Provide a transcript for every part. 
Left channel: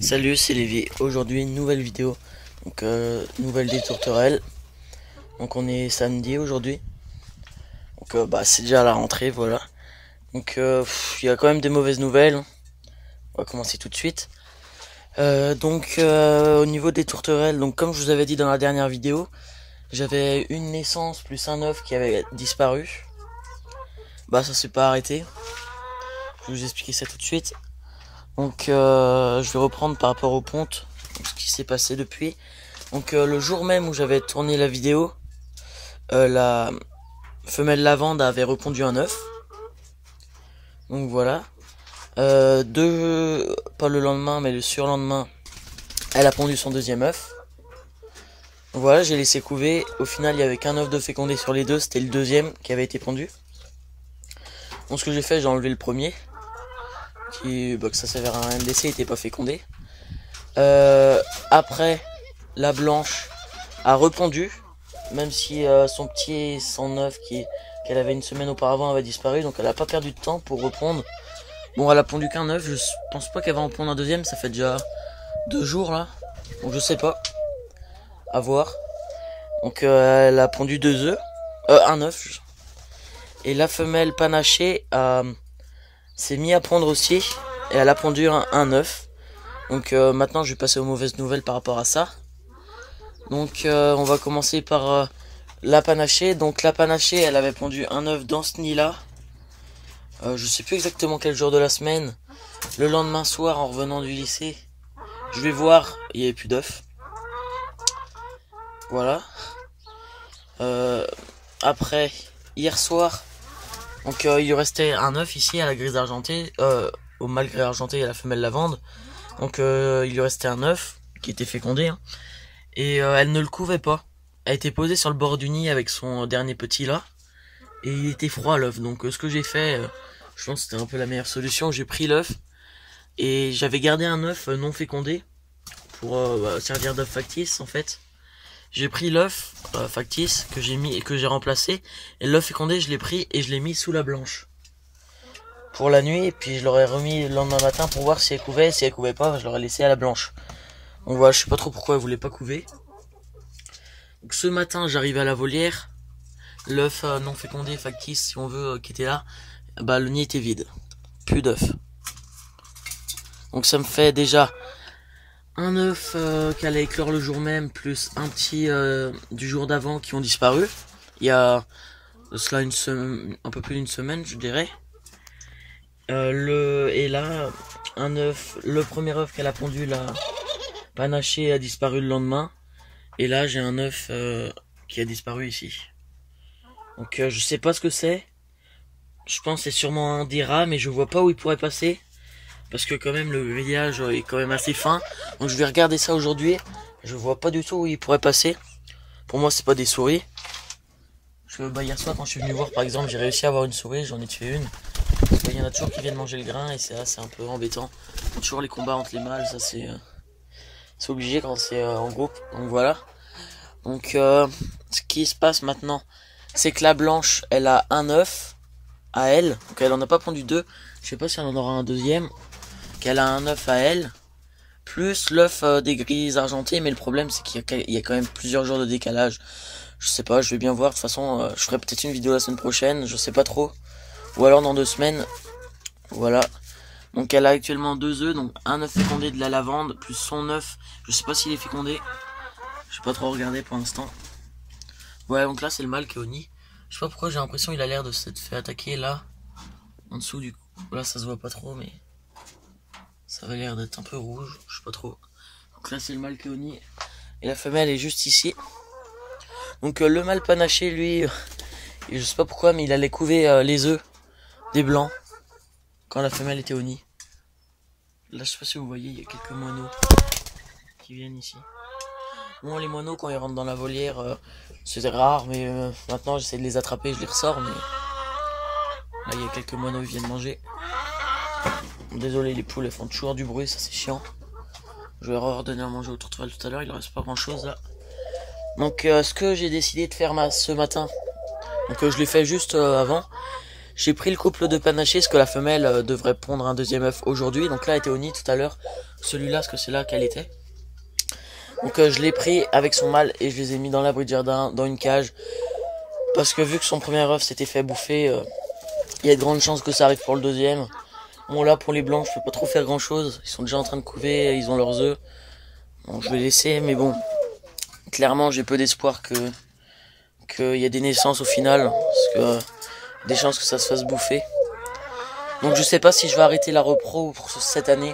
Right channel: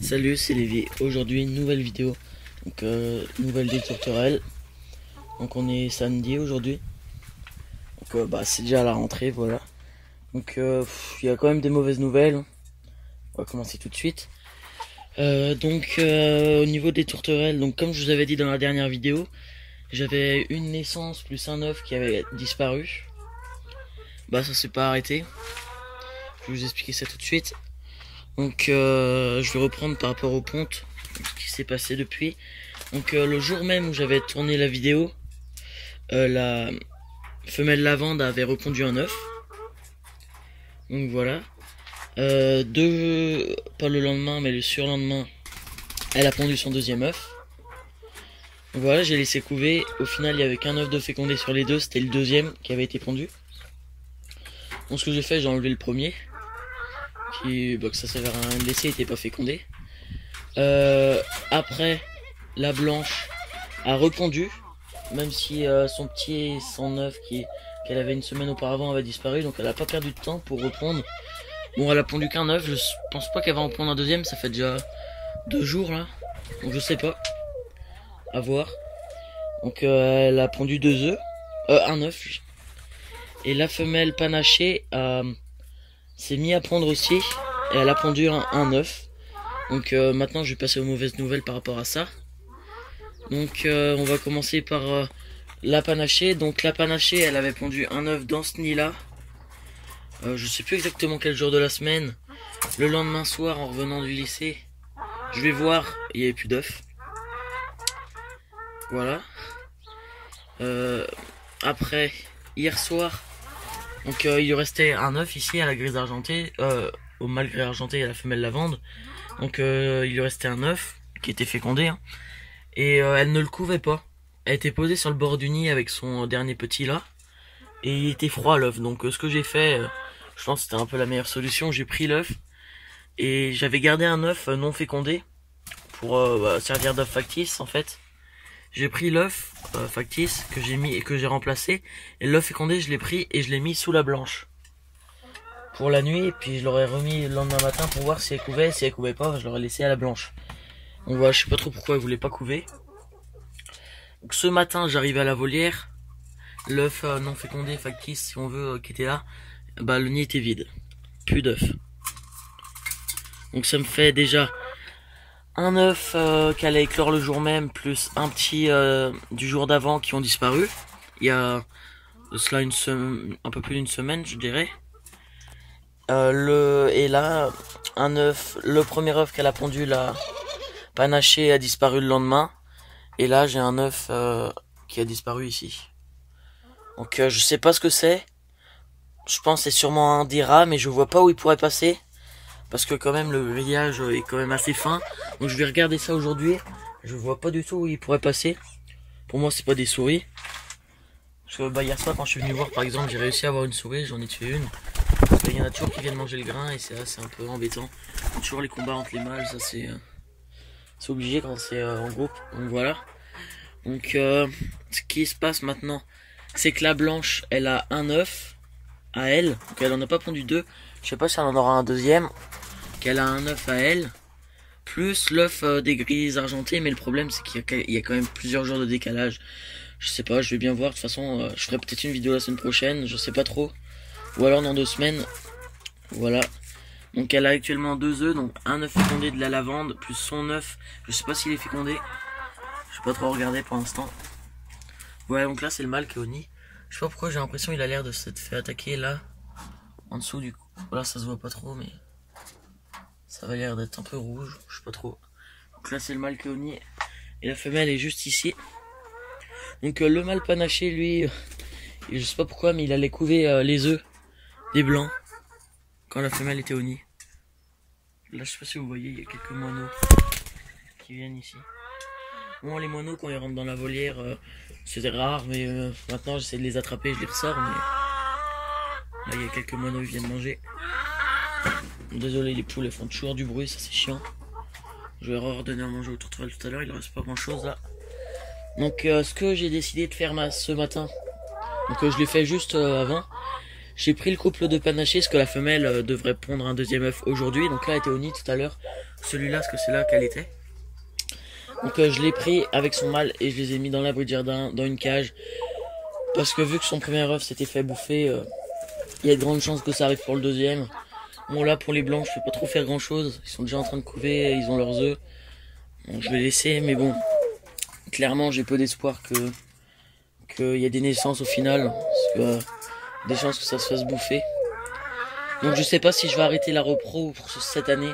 Salut, c'est Lévi. Aujourd'hui, nouvelle vidéo. Donc, nouvelle des tourterelles. Donc, on est samedi aujourd'hui. Donc, c'est déjà la rentrée, voilà. Donc, il y a quand même des mauvaises nouvelles. On va commencer tout de suite. Au niveau des tourterelles, donc comme je vous avais dit dans la dernière vidéo, j'avais une naissance plus un œuf qui avait disparu. Ça s'est pas arrêté. Je vais vous expliquer ça tout de suite. Donc je vais reprendre par rapport aux pontes, ce qui s'est passé depuis. Donc le jour même où j'avais tourné la vidéo, la femelle lavande avait repondu un œuf. Donc voilà. Pas le lendemain mais le surlendemain, elle a pondu son deuxième œuf. Donc voilà, j'ai laissé couver. Au final il y avait qu'un œuf de fécondé sur les deux, c'était le deuxième qui avait été pondu. Donc ce que j'ai fait, j'ai enlevé le premier. Que ça servait à rien de laisser, il n'était pas fécondé. Après, la blanche a repondu, même si son œuf qu'elle avait une semaine auparavant avait disparu, donc elle a pas perdu de temps pour repondre. Bon, elle a pondu qu'un œuf, je pense pas qu'elle va en pondre un deuxième, ça fait déjà 2 jours là, donc je sais pas, à voir. Donc elle a pondu un œuf, et la femelle panachée s'est mis à pondre aussi, et elle a pondu un œuf. Donc maintenant je vais passer aux mauvaises nouvelles par rapport à ça. Donc on va commencer par la panachée. Donc la panachée, elle avait pondu un œuf dans ce nid là. Je sais plus exactement quel jour de la semaine. Le lendemain soir en revenant du lycée, je vais voir, il n'y avait plus d'œufs. Voilà. Après, hier soir, donc il lui restait un œuf ici à la grise argentée, au mâle gris argenté et à la femelle lavande. Donc il lui restait un œuf qui était fécondé, hein. Et elle ne le couvait pas. Elle était posée sur le bord du nid avec son dernier petit là, et il était froid l'œuf. Donc ce que j'ai fait, je pense que c'était un peu la meilleure solution. J'ai pris l'œuf et j'avais gardé un œuf non fécondé pour servir d'œuf factice en fait. J'ai pris l'œuf factice que j'ai mis et que j'ai remplacé, et l'œuf fécondé je l'ai pris et je l'ai mis sous la blanche pour la nuit, et puis je l'aurais remis le lendemain matin pour voir si elle couvait. Si elle couvait pas, je l'aurais laissé à la blanche. Donc voilà, je sais pas trop pourquoi elle voulait pas couver. Donc ce matin, j'arrive à la volière, l'œuf non fécondé factice si on veut qui était là, le nid était vide, plus d'œufs. Donc ça me fait déjà un œuf qu'elle a éclore le jour même, plus un petit du jour d'avant qui ont disparu. Il y a de cela un peu plus d'une semaine, je dirais. Et là, un œuf, le premier œuf qu'elle a pondu, la panachée, a disparu le lendemain. Et là, j'ai un œuf qui a disparu ici. Donc je sais pas ce que c'est. Je pense que c'est sûrement un des rats, mais je vois pas où il pourrait passer. Parce que quand même le grillage est quand même assez fin. Donc je vais regarder ça aujourd'hui. Je vois pas du tout où il pourrait passer. Pour moi c'est pas des souris. Parce que hier soir quand je suis venu voir par exemple, j'ai réussi à avoir une souris, j'en ai tué une. Parce qu'il y en a toujours qui viennent manger le grain et c'est un peu embêtant. Toujours les combats entre les mâles, ça c'est obligé quand c'est en groupe. Donc voilà. Donc ce qui se passe maintenant, c'est que la blanche elle a un œuf à elle. Donc elle en a pas pondu deux. Je sais pas si elle en aura un deuxième. Qu'elle a un œuf à elle, plus l'œuf des grises argentées, mais le problème c'est qu'il y a quand même plusieurs jours de décalage. Je sais pas, je vais bien voir. De toute façon, je ferai peut-être une vidéo la semaine prochaine, je sais pas trop. Ou alors dans 2 semaines. Voilà. Donc elle a actuellement 2 œufs, donc un œuf fécondé de la lavande, plus son œuf. Je sais pas s'il est fécondé. Je sais pas trop regarder pour l'instant. Voilà, donc là c'est le mâle qui est au nid. Je sais pas pourquoi j'ai l'impression qu'il a l'air de s'être fait attaquer là. En dessous du coup. Voilà, ça se voit pas trop, mais ça va l'air d'être un peu rouge, je sais pas trop. Donc là c'est le mâle qui est au nid et la femelle est juste ici. Donc le mâle panaché lui, je sais pas pourquoi, mais il allait couver les œufs des blancs quand la femelle était au nid. Là je sais pas si vous voyez, il y a quelques moineaux qui viennent ici. Bon, les moineaux quand ils rentrent dans la volière, c'est rare, mais maintenant j'essaie de les attraper, je les ressors, mais là il y a quelques moineaux qui viennent manger. Désolé, les poules elles font toujours du bruit, ça c'est chiant. Je vais redonner à manger aux tourterelles tout à l'heure, il ne reste pas grand chose là. Donc ce que j'ai décidé de faire ce matin, donc je l'ai fait juste avant. J'ai pris le couple de panachés, parce que la femelle devrait pondre un deuxième œuf aujourd'hui. Donc là elle était au nid tout à l'heure. celui-là, parce que c'est là qu'elle était. Donc je l'ai pris avec son mâle et je les ai mis dans l'abri de jardin, dans une cage. Parce que vu que son premier œuf s'était fait bouffer, il y a de grandes chances que ça arrive pour le deuxième. Bon là pour les blancs je peux pas trop faire grand chose. Ils sont déjà en train de couver, ils ont leurs œufs. Bon je vais laisser, mais bon. Clairement j'ai peu d'espoir qu'il y ait des naissances au final. Parce que des chances que ça se fasse bouffer. Donc je sais pas si je vais arrêter la repro pour cette année.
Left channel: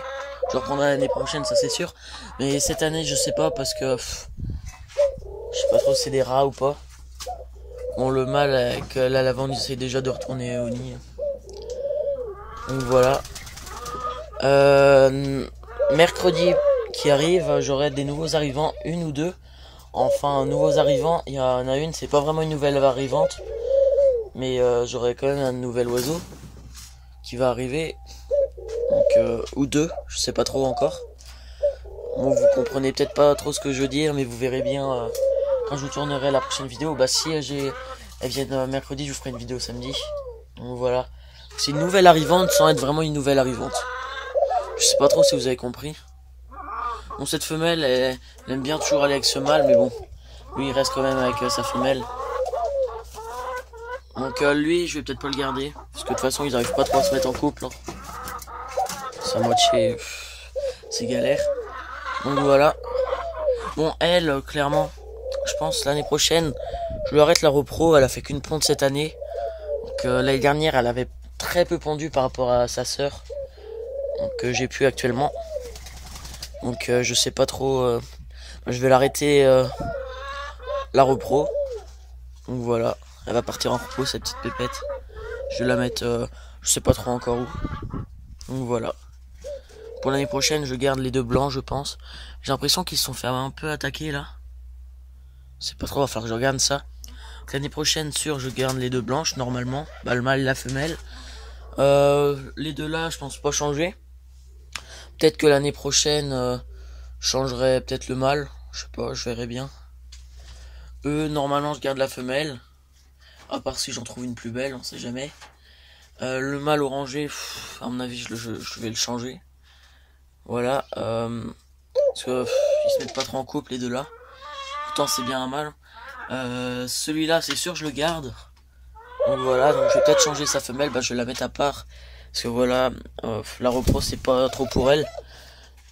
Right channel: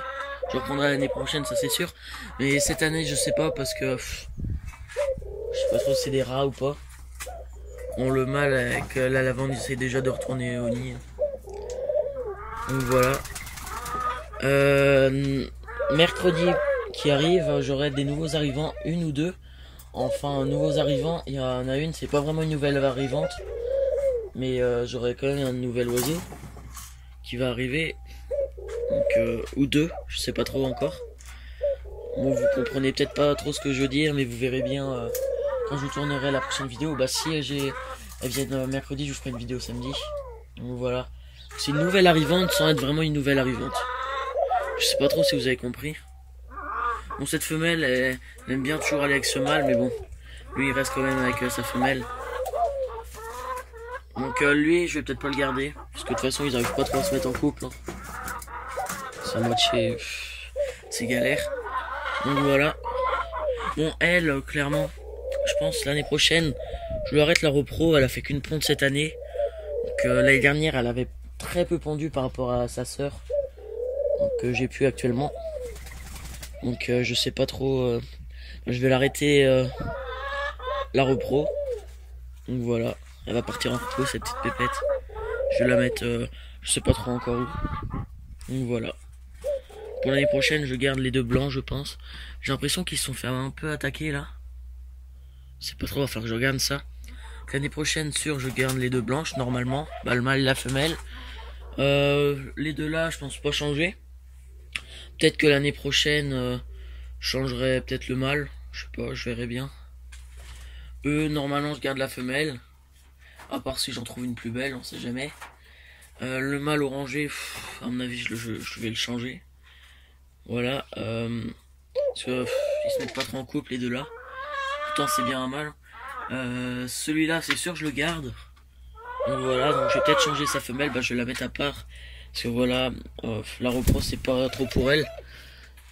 Je reprendrai l'année prochaine, ça c'est sûr. Mais cette année je sais pas parce que je sais pas trop si c'est des rats ou pas. Bon, le mâle avec la lavande, il essaie déjà de retourner au nid. Donc voilà. Mercredi qui arrive, j'aurai des nouveaux arrivants, une ou deux. Enfin, nouveaux arrivants, il y en a une, c'est pas vraiment une nouvelle arrivante. Mais j'aurai quand même un nouvel oiseau qui va arriver. Donc, ou deux, je sais pas trop encore. Bon, vous comprenez peut-être pas trop ce que je veux dire, mais vous verrez bien quand je vous tournerai la prochaine vidéo. Bah si elles viennent mercredi, je vous ferai une vidéo samedi. Donc voilà. C'est une nouvelle arrivante sans être vraiment une nouvelle arrivante. Je sais pas trop si vous avez compris. Bon, cette femelle, elle aime bien toujours aller avec ce mâle, mais bon. Lui, il reste quand même avec sa femelle. Donc lui, je vais peut-être pas le garder. Parce que de toute façon, ils arrivent pas trop à se mettre en couple. Hein. C'est à moitié... c'est galère. Donc voilà. Bon, elle, clairement, je pense l'année prochaine, je lui arrête la repro. Elle a fait qu'une ponte cette année. Donc l'année dernière, elle avait très peu pondu par rapport à sa sœur. Donc j'ai pu actuellement. Donc je sais pas trop. Je vais l'arrêter la repro. Donc voilà. Elle va partir en repos, cette petite pépette. Je vais la mettre, je sais pas trop encore où. Donc voilà. Pour l'année prochaine, je garde les deux blancs, je pense. J'ai l'impression qu'ils se sont fait un peu attaquer là. C'est pas trop, va falloir que je regarde ça. L'année prochaine, sûr, je garde les deux blanches, normalement. Bah, le mâle et la femelle. Les deux là, je pense pas changer. Peut-être que l'année prochaine, je changerai peut-être le mâle. Je sais pas, je verrai bien. Eux, normalement, je garde la femelle. À part si j'en trouve une plus belle, on sait jamais. Le mâle orangé, à mon avis, je vais le changer. Voilà. Parce que ils se mettent pas trop en couple, les deux là. Pourtant, c'est bien un mâle. Celui-là, c'est sûr, je le garde. Donc voilà, donc je vais peut-être changer sa femelle, bah, je vais la mettre à part. Parce que voilà, la repro, c'est pas trop pour elle.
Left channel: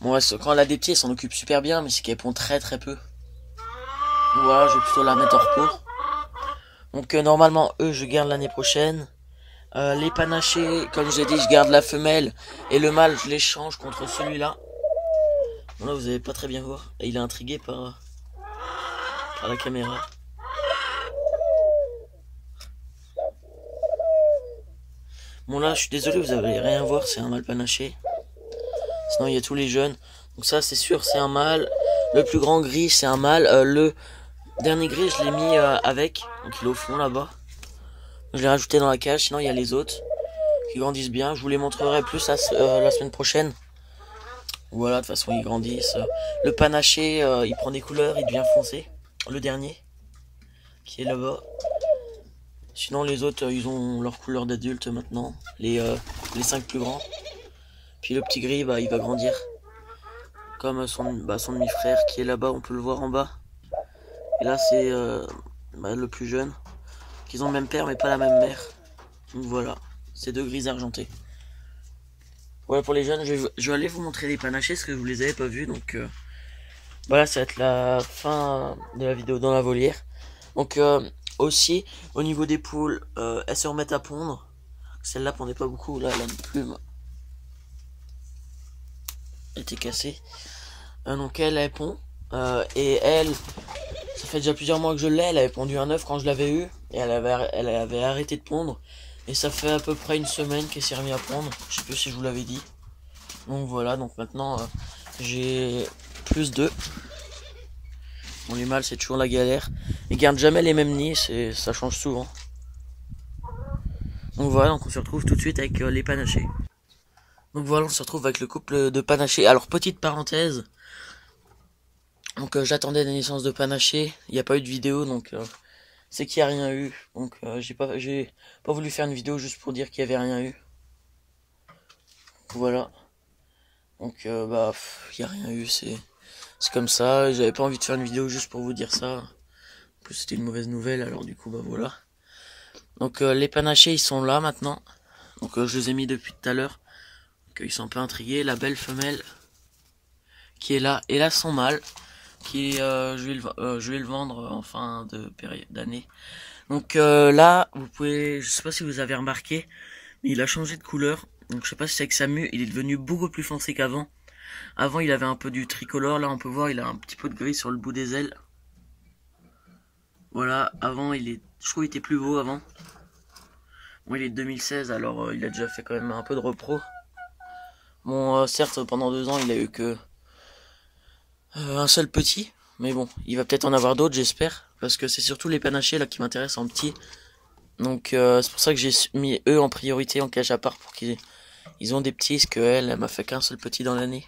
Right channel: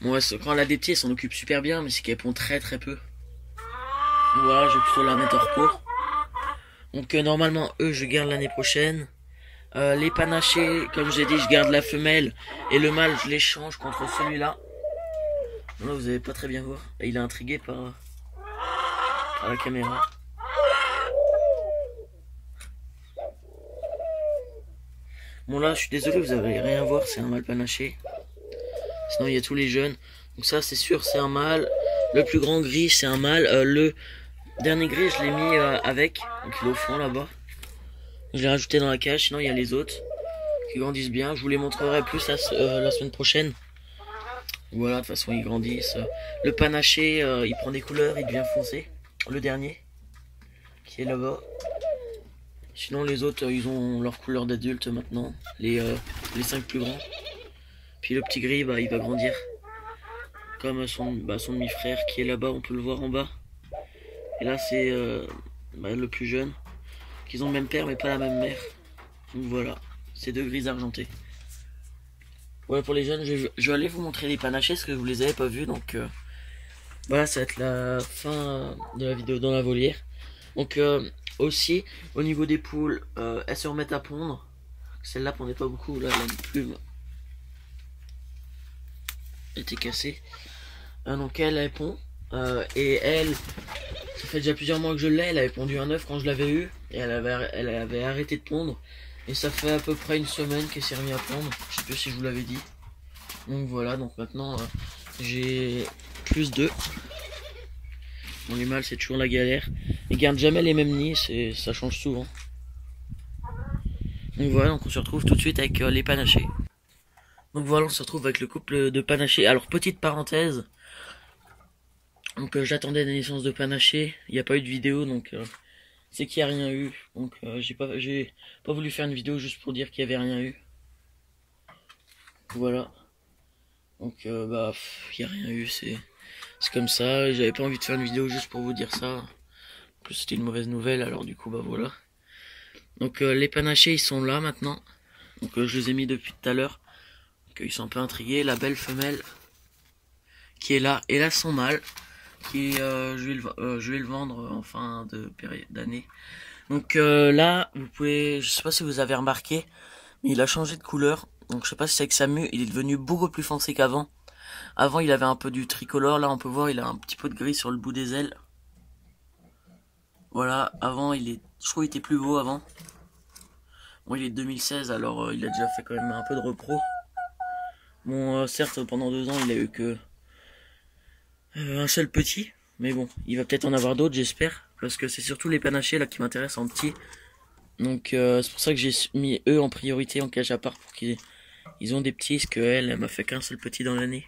Bon, quand elle a des petits, elle s'en occupe super bien, mais c'est qu'elle pond très très peu. Donc voilà, je vais plutôt la mettre en repos. Donc normalement, eux, je garde l'année prochaine. Les panachés, comme je vous ai dit, je garde la femelle. Et le mâle, je l'échange contre celui-là. Là, vous n'allez pas très bien voir. Là, il est intrigué par la caméra. Bon là, je suis désolé, vous n'allez rien voir, c'est un mâle panaché. Sinon, il y a tous les jeunes. Donc ça, c'est sûr, c'est un mâle. Le plus grand gris, c'est un mâle. Le dernier gris, je l'ai mis avec. Donc il est au fond là-bas. Je l'ai rajouté dans la cage, sinon il y a les autres qui grandissent bien. Je vous les montrerai plus la semaine prochaine. Voilà, de toute façon ils grandissent. Le panaché, il prend des couleurs, il devient foncé. Le dernier, qui est là-bas. Sinon les autres, ils ont leur couleur d'adulte maintenant. Les 5 plus grands. Puis le petit gris, bah, il va grandir. Comme son demi-frère qui est là-bas, on peut le voir en bas. Et là c'est le plus jeune. Qu'ils ont le même père mais pas la même mère. Donc voilà, c'est deux gris argentés. Voilà pour les jeunes, je vais aller vous montrer les panachés parce que vous les avez pas vus. Donc voilà, ça va être la fin de la vidéo dans la volière. Donc aussi, au niveau des poules, elles se remettent à pondre. Celle-là pondait pas beaucoup, là elle a une plume. Elle était cassée. Donc elle pond. Et elle, ça fait déjà plusieurs mois que je l'ai. Elle avait pondu un œuf quand je l'avais eu. Et elle avait arrêté de pondre. Et ça fait à peu près une semaine qu'elle s'est remise à pondre. Je sais plus si je vous l'avais dit. Donc voilà, donc maintenant j'ai plus d'œufs. Bon, les mâles c'est toujours la galère. Ils gardent jamais les mêmes nids, ça change souvent. Donc voilà, donc on se retrouve tout de suite avec les panachés. Donc voilà, on se retrouve avec le couple de panachés. Alors petite parenthèse. Donc j'attendais la naissance de panaché. Il n'y a pas eu de vidéo, donc c'est qu'il n'y a rien eu. Donc j'ai pas voulu faire une vidéo juste pour dire qu'il n'y avait rien eu. Voilà. Donc bah y a rien eu, c'est comme ça. J'avais pas envie de faire une vidéo juste pour vous dire ça. En plus c'était une mauvaise nouvelle, alors du coup bah voilà. Donc les panachés ils sont là maintenant. Donc je les ai mis depuis tout à l'heure. Donc ils sont un peu intrigués. La belle femelle qui est là et là son mâle qui je vais le vendre en fin de période d'année. Donc là vous pouvez, je sais pas si vous avez remarqué, mais il a changé de couleur. Donc je sais pas si c'est avec sa mue, il est devenu beaucoup plus foncé qu'avant. Avant il avait un peu du tricolore, là on peut voir il a un petit peu de gris sur le bout des ailes. Voilà, avant je trouve qu'il était plus beau avant. Bon il est de 2016 alors il a déjà fait quand même un peu de repro. Bon certes pendant 2 ans il a eu que un seul petit. Mais bon, il va peut-être en avoir d'autres j'espère. Parce que c'est surtout les panachés là qui m'intéressent en petit. Donc c'est pour ça que j'ai mis eux en priorité en cage à part pour qu'ils ont des petits. Parce qu'elle m'a fait qu'un seul petit dans l'année.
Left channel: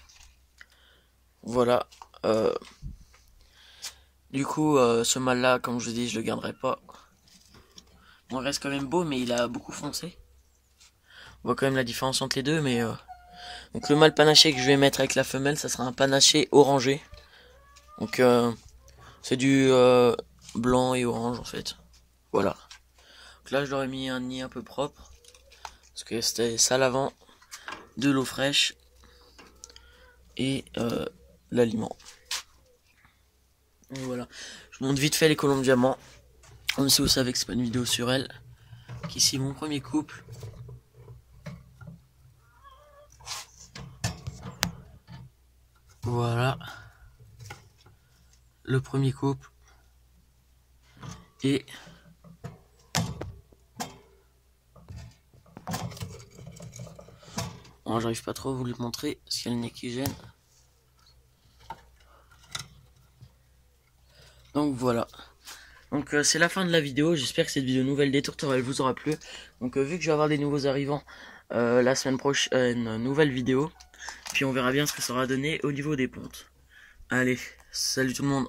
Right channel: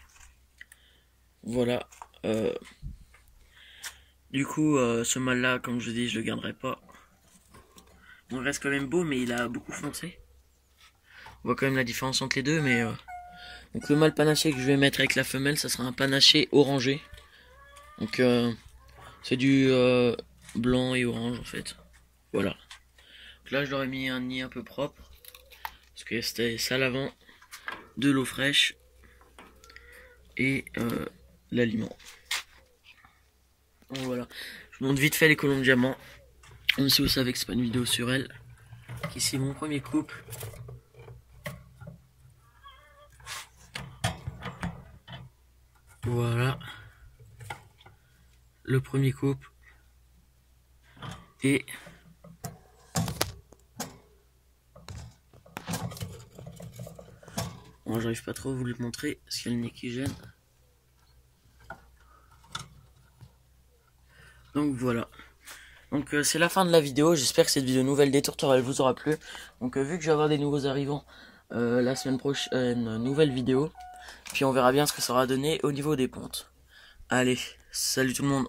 Voilà. Du coup ce mâle là comme je vous dis je le garderai pas. Bon il reste quand même beau mais il a beaucoup foncé. On voit quand même la différence entre les deux mais donc le mâle panaché que je vais mettre avec la femelle ça sera un panaché orangé. Donc c'est du blanc et orange en fait. Voilà. Donc là je leur ai mis un nid un peu propre. Parce que c'était sale avant. De l'eau fraîche. Et l'aliment. Donc voilà. Je vous montre vite fait les colombes diamants. Même si vous savez que c'est pas une vidéo sur elles. Donc ici mon premier couple. Voilà. Le premier couple. Et bon, j'arrive pas trop à vous le montrer parce qu'il y a le nez qui gêne. Donc voilà. Donc c'est la fin de la vidéo. J'espère que cette vidéo nouvelle des tourterelles vous aura plu. Donc vu que je vais avoir des nouveaux arrivants la semaine prochaine, nouvelle vidéo. Puis on verra bien ce que ça aura donné au niveau des pontes. Allez, salut tout le monde.